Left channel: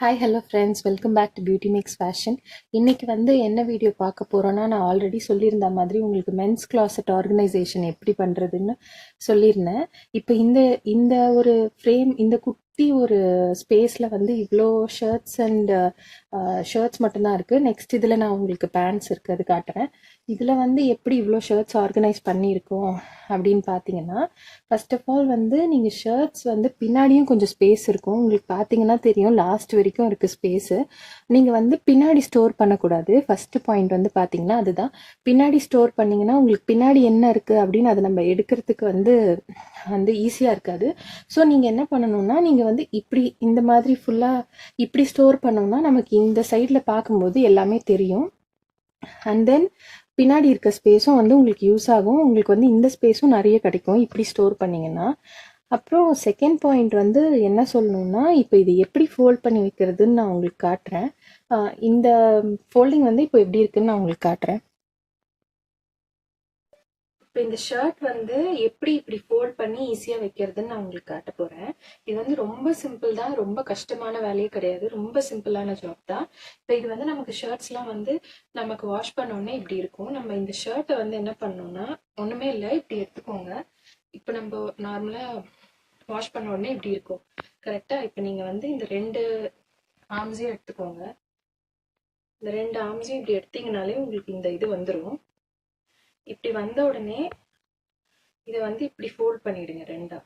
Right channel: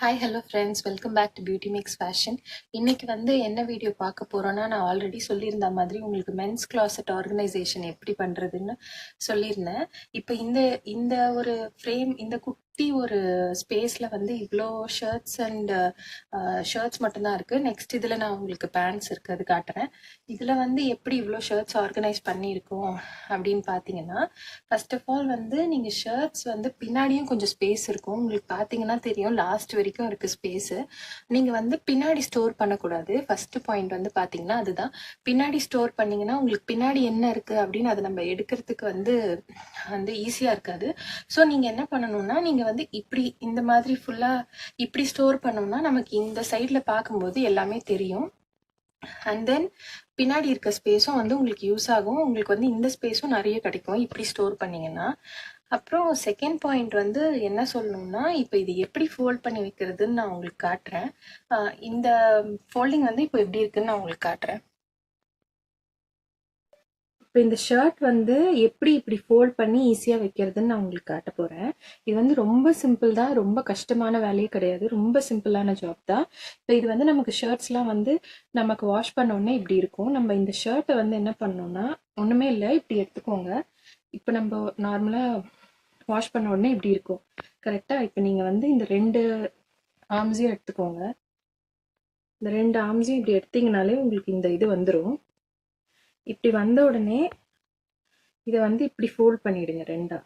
Hi hello friends, welcome back to Beauty Max Fashion. இன்னைக்கு வந்து என்ன வீடியோ பார்க்க போகிறோன்னா, நான் ஆல்ரெடி சொல்லியிருந்த மாதிரி உங்களுக்கு மென்ஸ் கிளாசெட் ஆர்கனைசேஷன் எப்படி பண்ணுறதுன்னு சொல்லியிருந்தேன். இப்போ இந்த இந்த ஒரு ஃப்ரேம், இந்த குட்டி ஒரு ஸ்பேஸில் வந்து இவ்வளோ ஷர்ட்ஸ் மட்டும்தான் இருக்குது. நெக்ஸ்ட் இதில் நான் உங்களுக்கு பேண்ட்ஸ் இருக்குது, அது காட்டுறேன். இதில் வந்து எப்படி இவ்வளோ ஷர்ட்ஸ் ஆர்கனைஸ் பண்ணியிருக்கோம் அப்படின்னு பார்த்தீங்கன்னா, ஃபர்ஸ்ட் ஆஃப் ஆல் வந்து நீங்கள் ஷர்ட்ஸ் வந்து பின்னாடியும் கொஞ்சம் ஸ்பேஸ் இருக்கும். உங்களுக்கு பார்த்தீங்கன்னா தெரியும், லாஸ்ட் வரைக்கும் இருக்குது ஸ்பேஸு. நீங்கள் வந்து பின்னாடி ஸ்டோர் பண்ணக்கூடாது. ஃபர்ஸ்ட் பாயிண்ட் வந்து பார்த்தீங்கன்னா அதுதான். பின்னாடி ஸ்டோர் பண்ணிங்கன்னா உங்களுக்கு பின்னாடி என்ன இருக்குது அப்படின்னு அதை நம்ம எடுக்கிறதுக்கு வந்து ஈஸியாக இருக்காது. ஸோ நீங்கள் என்ன பண்ணணும்னா, நீங்கள் வந்து இப்படி இந்த மாதிரி ஃபுல்லாக இப்படி ஸ்டோர் பண்ணோம்னா நமக்கு இந்த சைடில் பார்க்கும்போது எல்லாமே தெரியும். அண்ட் தென் பின்னாடி இருக்க ஸ்பேஸும் வந்து உங்களுக்கு யூஸ் ஆகும். உங்களுக்கு வந்து இந்த ஸ்பேஸும் நிறைய கிடைக்கும் இப்படி ஸ்டோர் பண்ணிங்கன்னா. அப்புறம் செகண்ட் பாயிண்ட் வந்து என்ன சொல்லணும்னா, இப்போ இது எப்படி ஃபோல்ட் பண்ணி வைக்கிறதுன்னு நான் உங்களுக்கு காட்டுறேன். இந்த ஃபோல்டிங் வந்து இப்போ எப்படி இருக்குன்னு நான் உங்களுக்கு காட்டுறேன். இப்போ இந்த ஷர்ட் வந்து எப்படி இப்படி ஃபோல்ட் பண்ணி ஈஸியாக வைக்கிறதுன்னு நான் உங்களுக்கு காட்ட போகிறேன். இது வந்து ரொம்ப சிம்பிள் தான், ரொம்ப கஷ்டமான வேலையே கிடையாது, ரொம்ப சிம்பிளான ஜாப் தான். இப்போ இது வந்து நமக்கு ஷர்ட்ஸ்லாம் வந்து நமக்கு வாஷ் பண்ண உடனே இப்படி இருக்கும். நம்ம இந்த ஷர்ட்டை வந்து என்ன பண்ணோம்னா, ஒன்றுமே இல்லை, இப்படி எடுத்துக்கோங்க. இப்போ நம்ம நார்மலாக வாஷ் பண்ண உடனே இப்படி இருக்கும் கரெக்டாக. இப்போ நீங்கள் வந்து இந்த ரெண்டு ஆர்ம்ஸையும் எடுத்துக்கோங்க. இந்த ரெண்டு ஆர்ம்ஸையும் இப்படி எடுத்தீங்கனாலே உங்களுக்கு இந்த இது வந்துடும். இப்படி வந்த உடனே இதை வந்து இப்படி ஃபோல்ட் பண்ணிடுங்க ரெண்டா.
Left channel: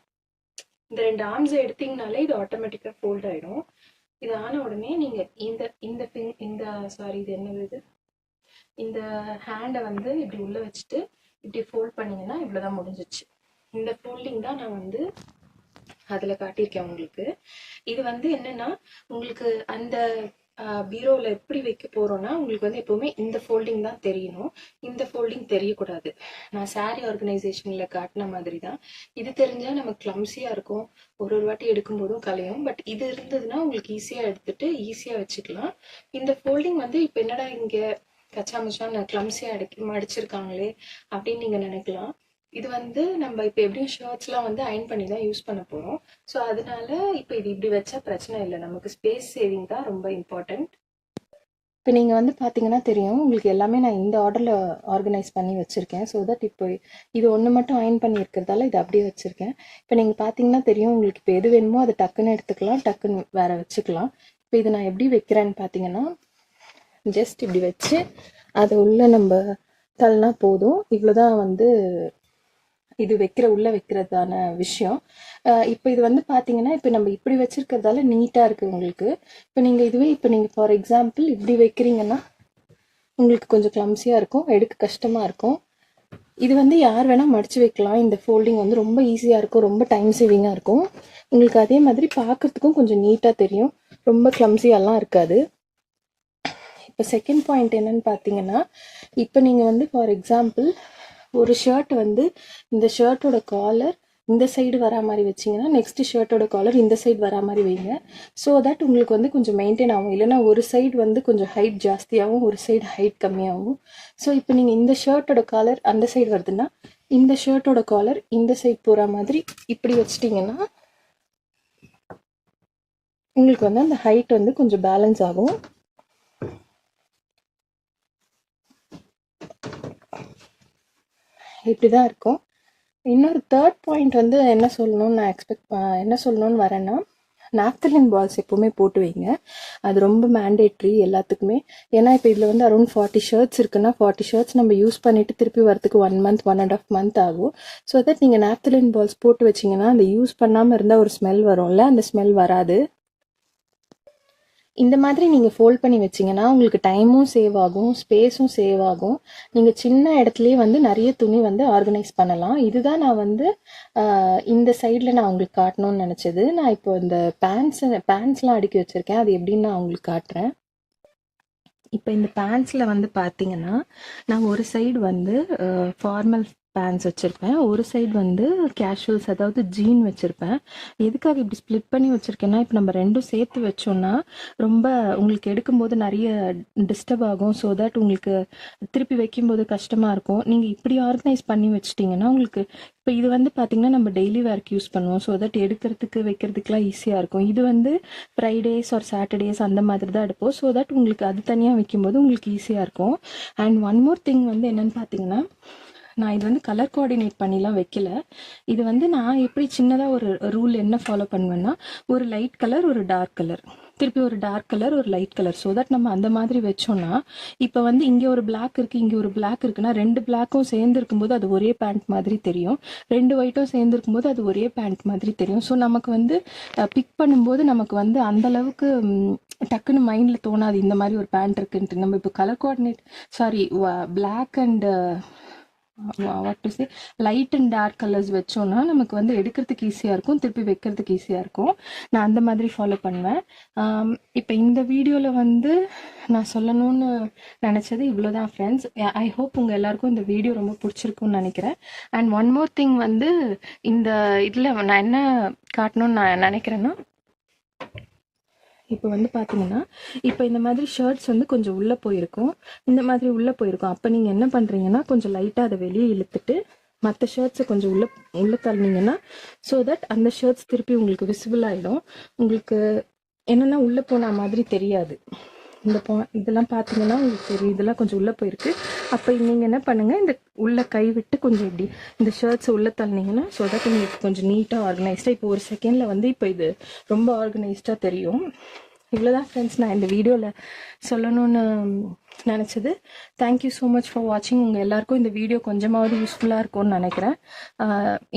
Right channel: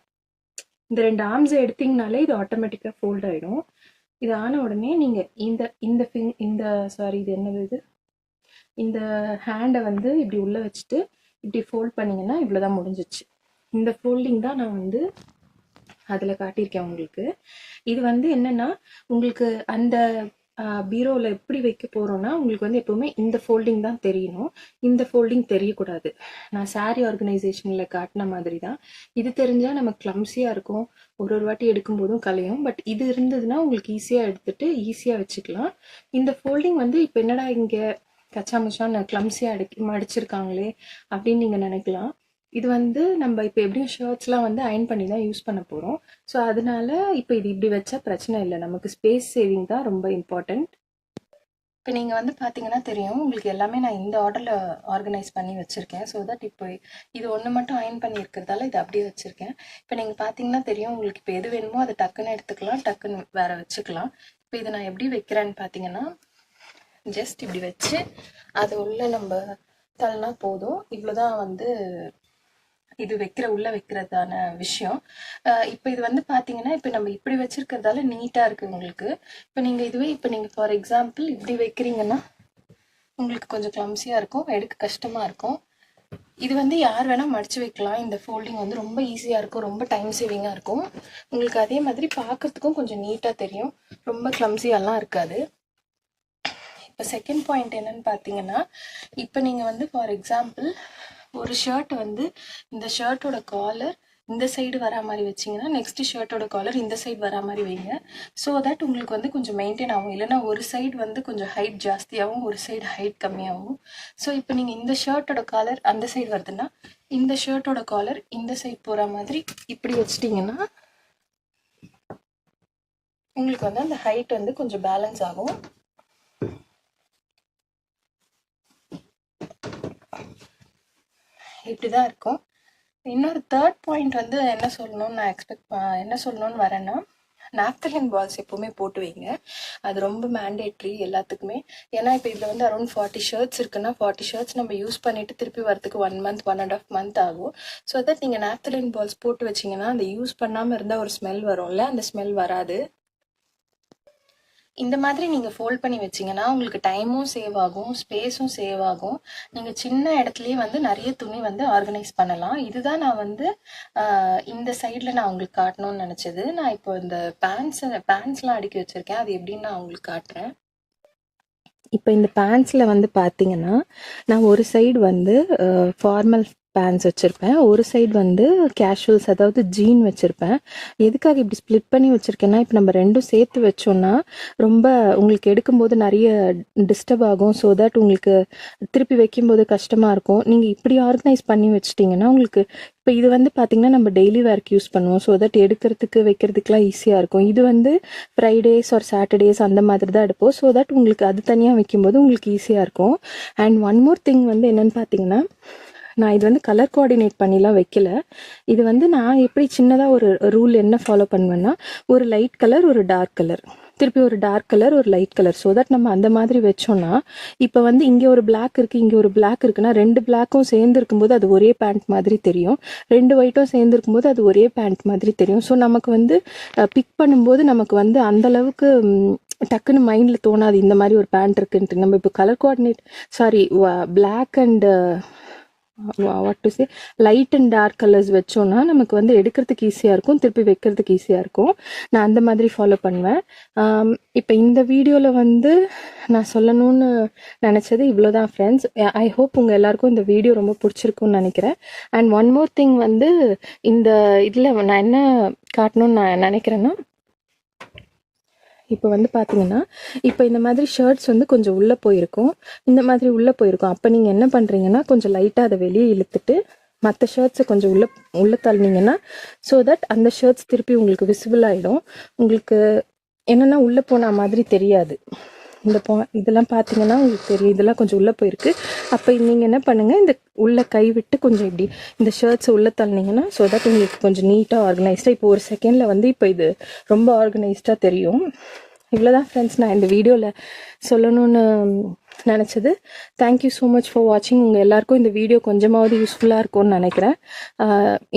இந்த ரெண்டு ஆர்ம்ஸை எடுத்தீங்கனாலே இது ஆட்டோமேட்டிக்காக ஃபோல்ட் ஆகிடும். இது ஆன உடனே நீங்கள் இது என்னது, இது இந்த ஹேண்டை வந்து இப்படி உள்ளே வச்சுட்டு இப்படி ஃபோல்ட் பண்ணிங்கன்னா இவ்வளோதான் முடிஞ்சிச்சு. இந்த ஃபோல்டிங் தான் நான் வந்து அதில் காட்டியிருக்கேன் உங்களுக்கு. இது வந்து என்னென்னா, உங்களுக்கு அந்த பீரோவில் எப்படி வைக்க போகிறோன்னா, உங்களுக்கு வந்து எப்போவுமே இந்த ஃபோல்டிங் தான் தெரியணும், இந்த ஃபோல்டிங் தெரியக்கூடாது. நான் சாரீ ஆர்கனைசேஷனில் காட்டின மாதிரி தான். இது தெரிஞ்சால் நமக்கு கிளம்ஸியாக இருக்கும், ஒரு வாட்டி எடுக்கும்போதும் கலையும். பட் இது இருந்ததுன்னா உங்களுக்கு ஈஸியாக எடுத்துகிட்டு ஈஸியாக வச்சுக்கலாம். இந்த ஃபோல்டிங் வந்து இப்போ என்னடா இங்கே கச்சாமச்சான் கிளம்ஸியாக மடிச்சிருக்காங்களே அப்படின்னு நீங்கள் நினைக்கலாம். இது வந்து நம்ம இப்போ எப்படியும் ஷர்ட்ஸ்லாம் வந்து அயன் பண்ணி தான் யூஸ் பண்ண போகிறோம். ஸோ அதனால இப்போ இது இப்படி வச்சா பிரச்சனை இல்லை, நமக்கு ஸ்பேஸ் சேவிங் தான் ரொம்ப இம்பார்ட்டண்ட். இப்போ நீங்கள் வந்து பார்த்தீங்கன்னா தெரியும், உங்களுக்கு எல்லாமே நான் இந்த ஆர்டரில் ஆர்கனைஸ் பண்ணி வச்சுருக்கேன். ஸோ தட் இப்போ இது ஒன்று மட்டும் அயன் பண்ணி இருக்கிறதால இது அப்படியே வச்சுருக்கேன். இப்போ நீங்கள் பார்த்தீங்கன்னா தெரியும், உங்களுக்கு இப்போ எது வேணுமோ அதை டக்குன்னு எடுத்துக்கலாம், டக்குன்னு வேற வச்சுக்கலாம். இப்போ இது நான் எப்படி வைக்கிறேன்னு பார்த்தீங்கன்னா, ஜஸ்ட் இப்படி வச்சு அது உள்ள நம்ம தள்ளினா போதும். இவ்வளோதான் வந்து இது உள்ள வைக்கிறதான விஷயம். இப்போ இது வந்து பார்த்தீங்கன்னா, இப்போ நம்ம இப்படி வச்சிருக்கிறதால நீட்டாக இருக்குது உங்களுக்கு. இப்போ நீங்கள் இதுவே இப்போ நீங்கள் ஃபார் எக்ஸாம்பிள் இப்படி வைக்கிறீங்கன்னா உங்களுக்கு கொஞ்சம் கிளம்ஸியாக இருக்கும், எடுக்க கஷ்டமாக இருக்கும். இது வந்து யார் வேணால் மடித்து வைக்கலாம். இந்த ஃபோல்டிங் வந்து ரொம்ப ஈஸியாக இருக்கும், ரொம்ப டைம் சேவிங்காக இருக்கும் உங்களுக்கு. அதே மாதிரி பார்க்குறதுக்கும் கொஞ்சம் நீட்டாக தெரியும், ரொம்ப கிளம்ஸியாலாம் இருக்காது. இப்போ செகண்ட் பாயிண்ட் என்னன்னு பார்த்தீங்கன்னா, இப்போ நீங்கள் வந்து ஃபார் எக்ஸாம்பிள் ஒரு ஷர்ட் வந்து இந்த ஷர்ட்டோட காலர் இந்த சைடு வரா மாதிரி வச்சிங்கன்னா, நெக்ஸ்ட் ஷர்ட்டோட காலர் இந்த சைடு வரா மாதிரி வைங்க. ஸோ தட் உங்களுக்கு வந்து கொஞ்சம் மெயின்டைன் ஆகும். இல்லைனா ஒரு சைடு வந்து கொஞ்சம் ஹைட் ஜாஸ்தியாகவும் ஒரு சைடு ஹைட் கம்மியாகும். ஸோ இப்போ நீங்கள் இந்த ஷர்ட்டோட காலர் அந்த சைடு வருதுன்னா, இந்த ஷர்ட்டோட காலர் இந்த சைடு போகிற மாதிரி இப்படி வச்சிட்டிங்கன்னா உங்களுக்கு வந்து அந்த ஹைட் வந்து கொஞ்சம் பேலன்ஸ் ஆகும். இப்படி தான் இருக்கும். இன்னொரு தேர்ட் பாயிண்ட் வந்து என்ன சொல்லணும்னு வரேன்னா, நாப்தலின் பால்ஸ் எப்போவுமே போட்டு வைங்க. அது ரொம்ப மேண்டேட்ரி எல்லாத்துக்குமே. ஏன்னா இப்போ இதில் வந்து அரௌண்ட் 40 ஷர்ட்ஸ் இருக்குன்னா, 40 ஷர்ட்ஸ் நம்ம யூஸ் பண்ணிவிட்டு திருப்பி வரத்துக்கு 1 மந்த் 1.5 மந்த் ஆகும். ஸோ தட் நீங்கள் நாப்தலின் பால்ஸ் போட்டு வச்சிங்கன்னா, அந்த யூஸ் பண்ணாமல் இருந்தால் ஒரு ஸ்மெல் வரும்ல, அந்த ஸ்மெல் வராது. இந்த மாதிரி நீங்கள் ஃபோல்ட் பண்ணி வச்சிங்கன்னா உங்களுக்கு டைமும் சேவ் ஆகும், ஸ்பேஸும் சேவ் ஆகும். நீங்கள் சின்ன இடத்துலையே வந்து நிறைய துணி வந்து ஆர்கனைஸ் பண்ணலாம். இதுதான் நான் வந்து இந்த சைடில் நான் உங்களுக்கு காட்டணும்னு நினச்சது. நான் இப்போ இந்த பேண்ட்ஸ்லாம் அடுக்கி வச்சுருக்கேன், அது எப்படின்னு நான் உங்களுக்கு காட்டுறேன். இப்போ இந்த பேண்ட்ஸில் வந்து பார்த்தீங்கன்னா, நான் ஒரு சைடு வந்து ஃபார்மல் பேண்ட்ஸ் வச்சுருப்பேன், ஒரு சைடு வந்து கேஷுவல்ஸ் அதாவது ஜீன் வச்சுருப்பேன். எதுக்காக இப்படி ஸ்ப்ளிட் பண்ணி வச்சுருக்கேன்னா, இப்போ நம்ம ரெண்டும் சேர்த்து வச்சோன்னா ரொம்ப உங்களுக்கு எடுக்கும்போது நிறைய டிஸ்டர்ப் ஆகும். ஸோ தட் உங்களுக்கு திருப்பி வைக்கும்போது கஷ்டமாக இருக்கும். நீங்கள் இப்படி ஆர்கனைஸ் பண்ணி வச்சிட்டிங்கன்னா உங்களுக்கு இப்போ இது வந்து பார்த்திங்கன்னா நம்ம டெய்லி வேர்க்கு யூஸ் பண்ணுவோம். ஸோ தட் எடுக்கிறதுக்கு வைக்கிறதுக்குலாம் ஈஸியாக இருக்கும். இது வந்து ஃப்ரைடேஸ் ஆர் சாட்டர்டேஸ் அந்த மாதிரி தான் எடுப்போம். ஸோ தட் உங்களுக்கு அது தனியாக வைக்கும்போது உங்களுக்கு ஈஸியாக இருக்கும். அண்ட் ஒன் மோர் திங் வந்து என்னென்னு பார்த்தீங்கன்னா, நான் இது வந்து கலர் கோஆர்டினேட் பண்ணிலாம் வைக்கல. இது வந்து நான் எப்படி சின்னதாக ஒரு ரூல் என்ன ஃபாலோ பண்ணுவேன்னா, ஒரு லைட் கலர் ஒரு டார்க் கலர் திருப்பி ஒரு டார்க் கலர் ஒரு லைட் கலர். ஸோ தட் நம்ம அந்த மாதிரி வச்சோம்னா இப்போ வந்து இங்கே ஒரு பிளாக் இருக்குது இங்கே ஒரு பிளாக் இருக்குன்னா ரெண்டு பிளாக்கும் சேர்ந்து இருக்கும்போது அது ஒரே பேண்ட் மாதிரி தெரியும், ரெண்டு ஒயிட்டும் சேர்ந்து இருக்கும்போது அது ஒரே பேண்ட் மாதிரி தெரியும். ஸோ நமக்கு வந்து பிக் பண்ணும்போது நமக்கு வந்து அந்த அளவுக்கு டக்குன்னு மைண்டில் தோணாது இந்த மாதிரி ஒரு பேண்ட் இருக்குன்ட்டு. நம்ம இப்போ colour coordinate black and what to say light and dark colours வச்சோன்னா நமக்கு வந்து எடுக்கிறதுக்கு ஈஸியாக இருக்கும், திருப்பி வைக்கிறதுக்கு ஈஸியாக இருக்கும். நான் அந்த மாதிரி ஃபாலோ பண்ணுவேன். இப்போ இந்த வீடியோவில் வந்து நான் சொல்லணும்னு நினச்சது இவ்வளோதான் ஃப்ரெண்ட்ஸ். ஐ ஹோப் உங்கள் எல்லாருக்கும் இந்த வீடியோ ரொம்ப பிடிச்சிருக்குன்னு நினைக்கிறேன். அண்ட் ஒன் மோர் திங் வந்து இந்த இதில் நான் என்ன காட்டணும்னு நான் நினைக்கிறேன்னா, இப்போ வந்து பார்த்தீங்கன்னா இப்போ இந்த மாதிரி ஷர்ட்ஸ் வந்து கொஞ்சம் உள்ளே போயிருக்கும், இந்த மாதிரி உள்ளே போயிருக்கும். அப்போ நீங்கள் என்ன பண்ணுறீங்கன்னா கொஞ்சம் லைட்டாக அதை வெளியே இழுத்துட்டு மற்ற ஷர்ட்ஸை கொஞ்சம் உள்ளே தள்ளினீங்கன்னா ஸோ தட் அந்த ஷர்ட்ஸ் திருப்பி உங்களுக்கு விசிபிள் ஆகிடும். உங்களுக்கு என்னென்னா உள்ளே போன மாதிரி தெரியாது. இதெல்லாம் பார்த்தீங்கன்னா உங்களுக்கு தெரியும், இதெல்லாம் கொஞ்சம் உள்ளே போயிருக்கு. அப்போ நீங்கள் என்ன பண்ணுங்கள், இந்த உள்ளே கை விட்டு கொஞ்சம் இப்படி இந்த ஷர்ட்ஸை உள்ளே தள்ளினீங்கன்னா ஸோ தட் உங்களுக்கு கொஞ்சம் நீட்டாக ஆர்கனைஸ்டாக இப்போ ஒரு செகண்டில் வந்து இப்போ இது ரொம்ப ஆர்கனைஸ்டாக தெரியும். இவ்வளோதான் ஃப்ரெண்ட்ஸ் நான் இந்த வீடியோவில் சொல்லணும்னு நினச்சது. தேங்க்யூ ஸோ மச் ஃபார் வாட்சிங். உங்கள் எல்லாருக்கும் இந்த வீடியோ கொஞ்சமாவது யூஸ்ஃபுல்லாக இருக்கும்னு நினைக்கிறேன்.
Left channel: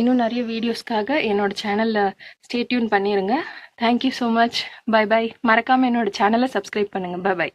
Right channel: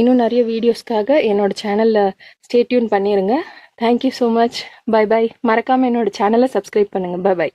இன்னும் நிறைய வீடியோஸ்க்காக என்னோடய சேனலில் ஸ்டே டியூன் பண்ணிடுங்க. Thank you so much. Bye bye. மறக்காமல் என்னோடய சேனலை சப்ஸ்கிரைப் பண்ணுங்கள். Bye bye.